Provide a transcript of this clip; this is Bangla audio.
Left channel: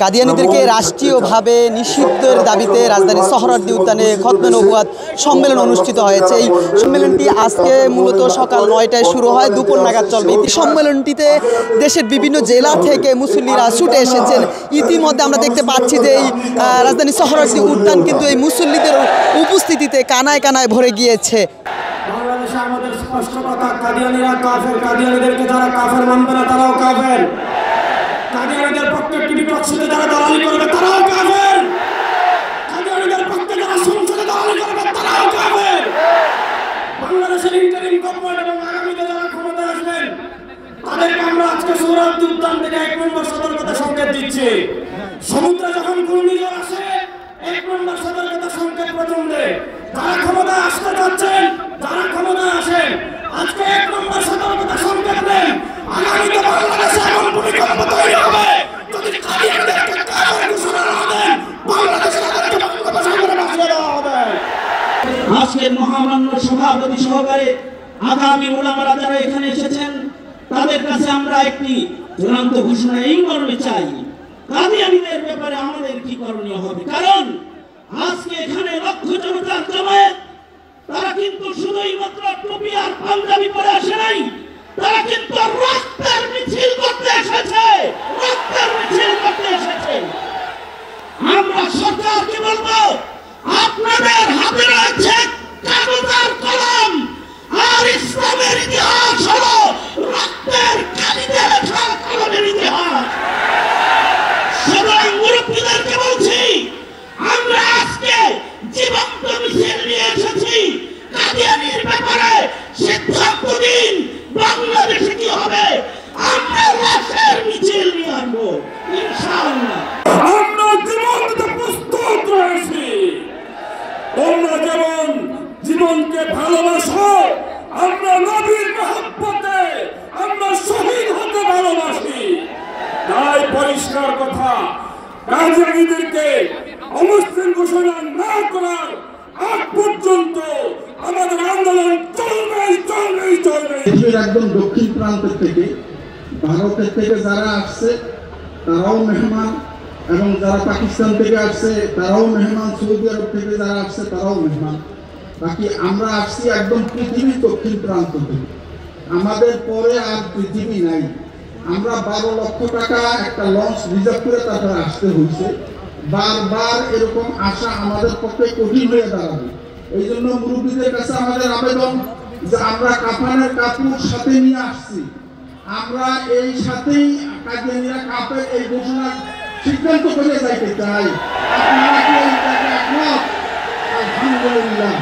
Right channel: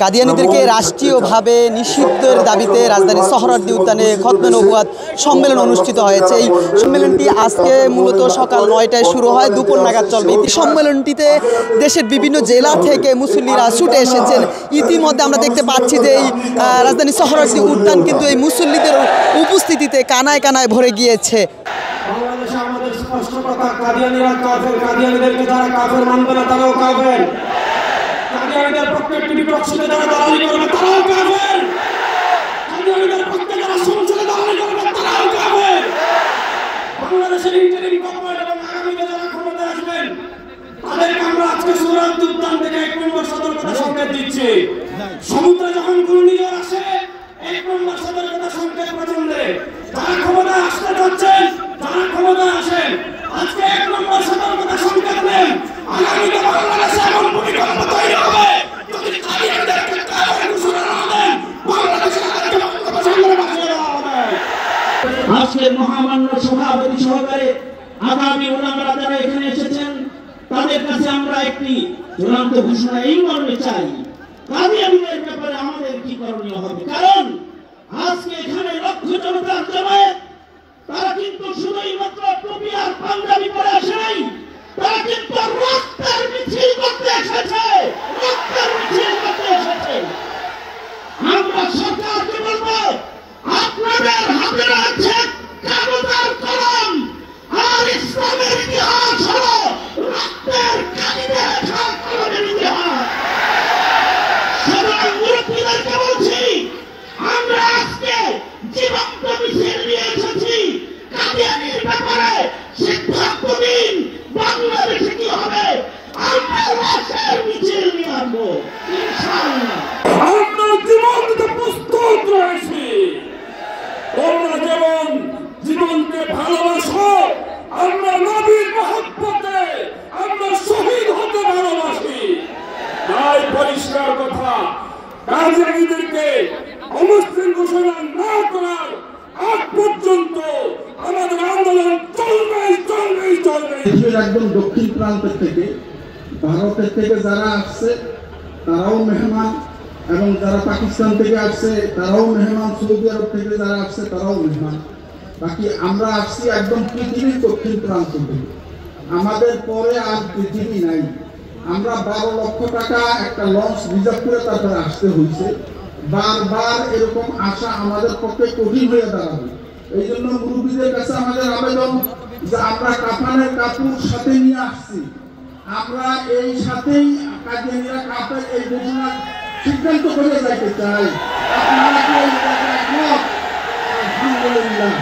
কাদিয়ানীদেরকে রাষ্ট্রীয়ভাবে নিষিদ্ধের দাবিতে রাজধানীর সোহরাওয়ার্দী উদ্যানে খতমে নবুয়াত সম্মেলন অনুষ্ঠিত হয়েছে। এই সম্মেলনটি আজকে মূলত সকাল ৯টায় শুরু হয়, দুপুর নাগাদ চলবে। এই সম্মেলনটিতে দেশের বিভিন্ন জেলা থেকে মুসল্লিরা ছুটে এসেছেন। ইতিমধ্যে আমরা দেখতে পাচ্ছি যে এই রাজধানীর সোহরাওয়ার্দী উদ্যান কিন্তু এই মুসল্লিদের উপস্থিতিতে কানায় কানায় ভরে গিয়েছে। সমুদ্র যখন ঘূর্ণিয়ে আসে এক নম্বর সতর্কতা সংকেত প্রচন্ডে যারা ক্ষমতা আসতে যাচ্ছেন তারা ক্ষমতা আসেন। আজকে এক নম্বর সতর্কতা সংকেত নেন, আগামীতে বাংলাদেশে এমন ভূমিকম্প তৈরি হবে যদি আজকে মহামান্য সভাপতি সহকারে আগামী ওলামারা যারা এখানে এসেছেন তাদের কাছে আমরা একটি চূড়ান্ত ঘোষণা এই মর্মে চাই, কাদিয়ানীদের ব্যাপারে আমাদের কি করণীয় হবে। কারণ আজকে এখানে লক্ষ জনতার জমায়েত, তারা কিন্তু শুধুই মাত্র টুপি আর পাঞ্জাবি পরে আসে নাই, তারা কিন্তু রক্তের মিছিল করতে এসেছে, রক্তের মিছিল করতে এসেছে। আমরা সরকারকে বলবো, আপনাদের হাতে রয়েছে কাগজ আর কলম, আর ইসলামের ইতিহাস হলো রক্তের কালিতে লেখা কলমের ইতিহাস। মুরব্বীদেরকে বলছি, আমরা আজকে জীবন্ত মিছিল নিয়ে এসেছি। কাদিয়ানীর ব্যাপারে সিদ্ধান্ত দিন, বাংলাদেশে কি হবে। আমরা লাশের মিছিল নিয়ে আনবো ইনশাআল্লাহ। আমরা জীবনকে প্রস্তুত রয়েছি। তোমরা যেমন জীবনকে ভালোবাসো, আমরা নবীর মহব্বতে আমরা শহীদ হতে ভালোবাসি। তাই পরিষ্কার কথা, কাদিয়ানীদেরকে অমুসলিম ঘোষণা না করার আগ পর্যন্ত আমাদের আন্দোলন চলবেই চলবেই চলবে। দেশের একদম দক্ষিণ প্রান্ত থেকে, ভারতের থেকে যারা আসছে তারাও মেহমান, এবং যারা পাকিস্তান থেকে আসছে তারাও মেহমান, সৌদি আরব থেকে যারা আসছে তারাও মেহমান। বাকি আমরা আসছি একদম পৃথিবীর দক্ষিণ প্রান্ত থেকে, আমাদের পরে আর পৃথিবী নাই। আমরা 12 লক্ষ টাকা একটা লঞ্চ রিজার্ভ করে তারপরে আসতে হয়েছে। বারবার এরকম আসা আমাদের পক্ষে কঠিন হয়ে দাঁড়াবে। এই জন্য মুরব্বীদের কাছে আমাদের আবেদন যে আমরা কাফনের কাপড় সাথে নিয়ে আসছি, আমরা এই সাথেই কাদিয়ানীরা কাফের এই ঘোষণা সিদ্ধান্ত করে যাইতে চাই। আপনারা কি এই জায়গায় আলহামদুলিল্লাহ।